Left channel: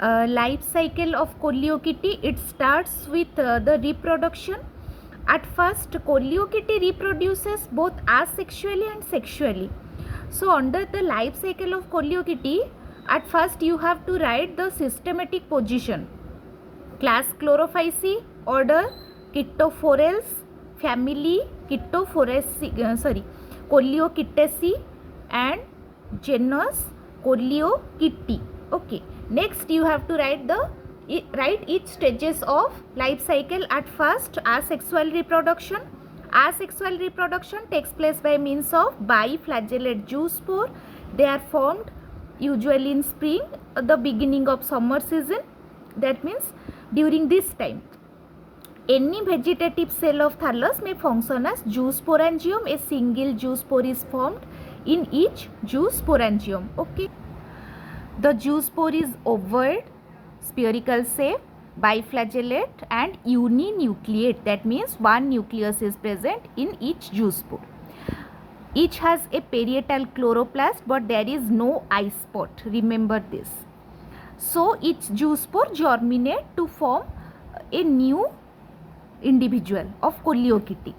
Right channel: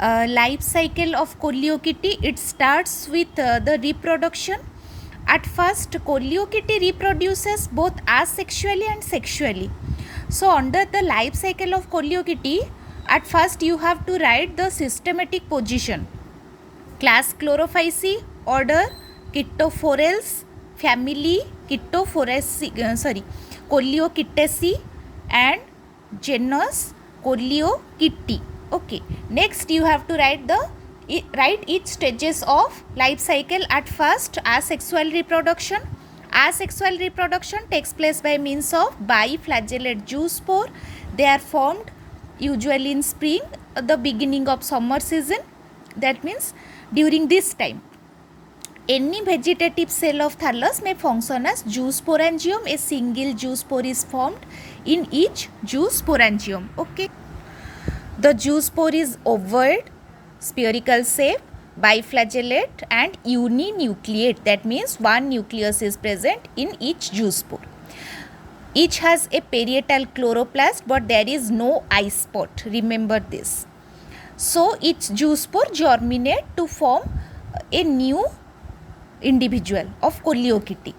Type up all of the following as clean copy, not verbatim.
Life cycle of Coleochaete, it starts with the reproduction. At first, Coleochaete reproduces both asexually and sexually. So under the life cycle of Coleochaete, at first you have to write the systematic position. Class Chlorophyceae, order Chytophorales, family Coleochaetaceae, and genus Coleochaete. Okay, next you have to write each stages of life cycle. At first, asexual reproduction. Asexual reproduction takes place by means of biflagellate zoospore. They are formed usually in spring, the beginning of summer season. That means during this time, any vegetative cell of thallus may function as zoosporangium. A single zoospore is formed in each zoosporangium. Okay. The zoospore is ovoid, spherical shape, biflagellate and uninucleate. That means one nucleus is present in each zoospore. Each has a parietal chloroplast, but there is no eye spot. Remember this. So each zoospore germinate to form a new individual of Coleochaete.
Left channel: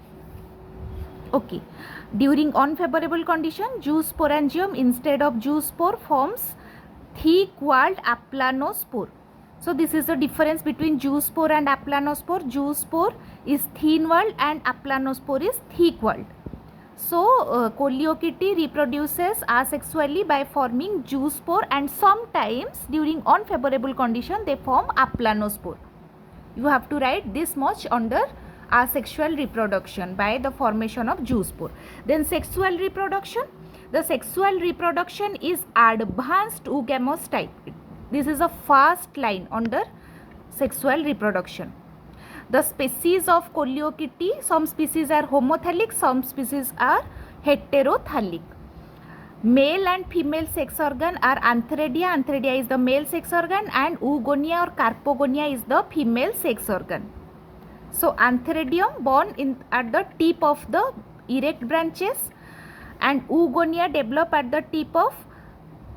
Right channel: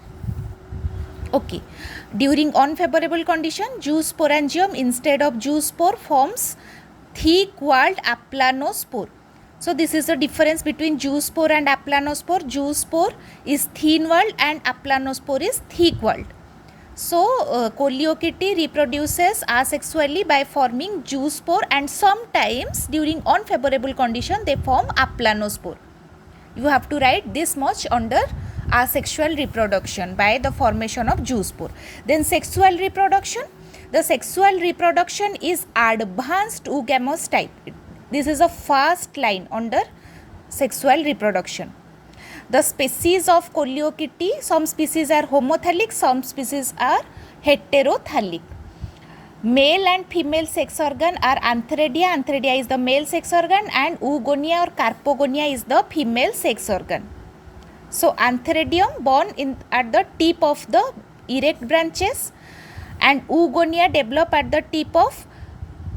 Okay. During unfavorable condition, zoosporangium instead of zoospore forms thick-walled aplanospore. So this is the difference between zoospore and aplanospore. Zoospore is thin-walled and aplanospore is thick-walled. So Coleochaete reproduces asexually by forming zoospore, and sometimes during unfavorable condition they form aplanospore. You have to write this much under asexual reproduction by the formation of zoospore. Then sexual reproduction. The sexual reproduction is advanced oogamous type. This is a first line under sexual reproduction. The species of Coleochaete, some species are homothallic, some species are heterothallic. Male and female sex organ are antheridia. Antheridia is the male sex organ and oogonia or carpogonia is the female sex organ. So antheridium born at the tip of the erect branches, and oogonia develop at the tip of,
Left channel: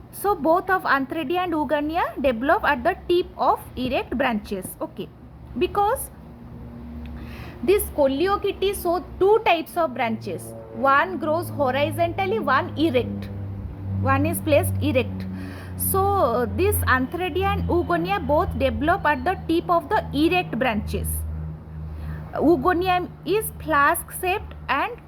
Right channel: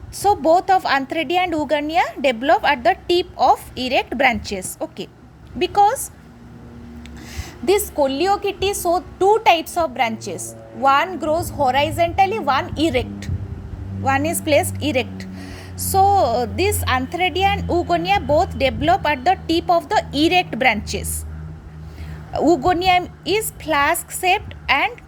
so both of antheridia and oogonia develop at the tip of erect branches. Okay, because this Coleochaete show two types of branches. One grows horizontally, one erect. One is placed erect. So this antheridia and oogonia both develop at the tip of the erect branches. Oogonia is flask shaped and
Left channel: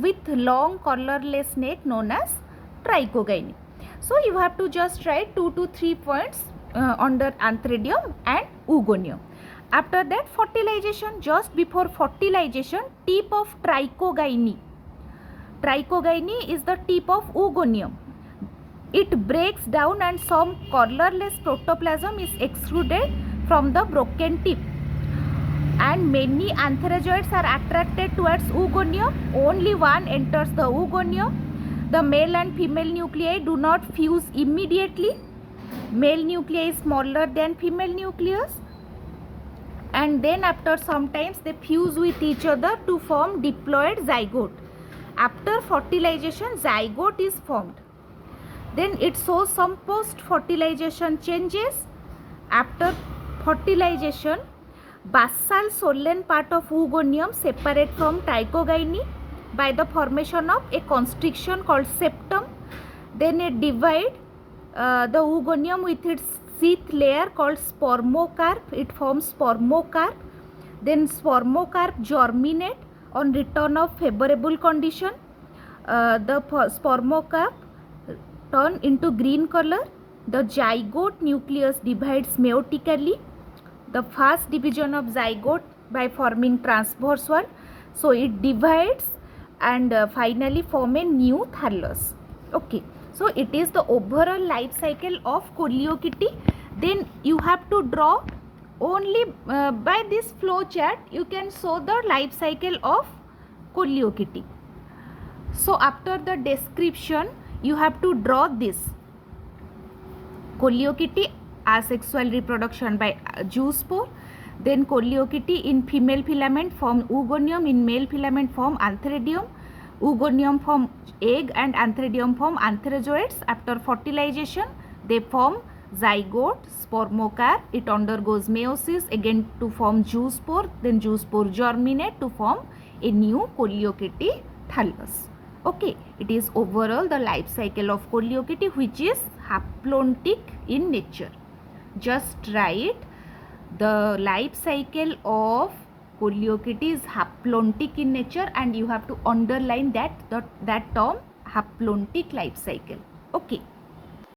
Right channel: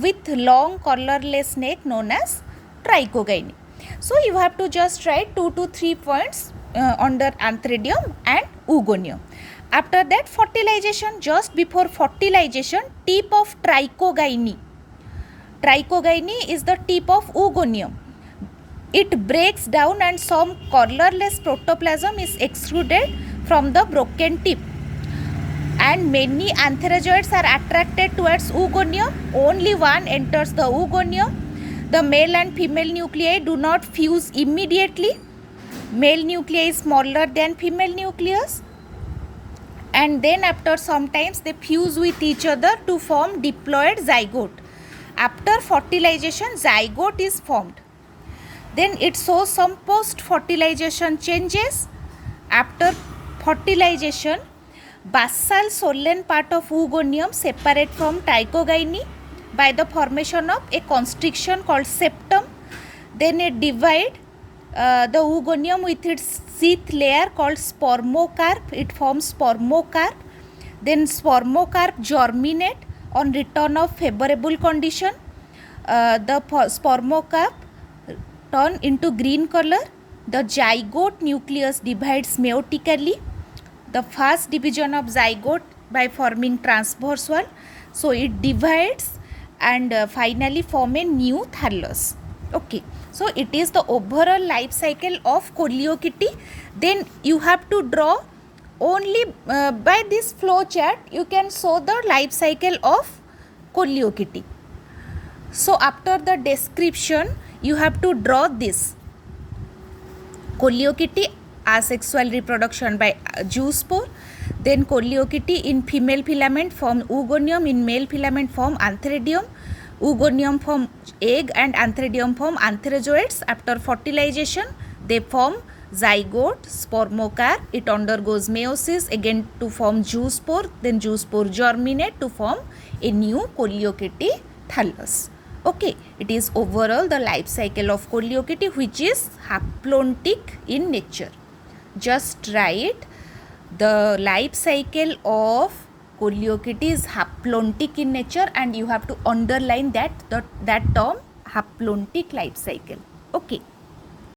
with long colorless neck known as trichogyne. So you have to just write 2 to 3 points under antheridium and oogonium. After that, fertilization. Just before fertilization, tip of trichogyne. Trichogyne is the tip of oogonium. It breaks down and some colorless protoplasm is extruded from the broken tip. And many antherozoids are attracted towards oogonium. Only one enters the oogonium. The male and female nuclei do not fuse immediately. Male nuclei is smaller than female nucleus. And then after some times they fuse with each other to form diploid zygote. After fertilization, zygote is formed. Then it shows some post-fertilization changes. After fertilization, basal swollen part of oogonium separate from trichogyne by the formation of a constriction called septum. Then it divide the oogonium with its sheath layer called spermocarp. It forms spermocarp. Then spermocarp germinate on return of favorable condition. The spermocarp turn into green color. The zygote nucleus divides meiotically. The first division of zygote by forming transverse wall. So it divides and finally form a new thallus. Okay. So it is the overall life cycle of Coleochaete. Then you have to draw only by this flow chart you can show the life cycle of Coleochaete. So after the description you have to draw this. Coleochaete asexual reproduction by zoospore. Then Coleochaete in female filament form oogonium, in male filament form antheridium. Oogonium form egg and antheridium form antherozoids. After fertilization they form zygote, spermocarp, it undergoes meiosis again to form zoospore, then zoospore germinate to form a new Coleochaete thallus. Okay, it is overall the life cycle of Coleochaete, which is haplontic in nature. Just write the life cycle of Coleochaete is haplontic in nature, and you have to underline that term haplontic life cycle. Okay.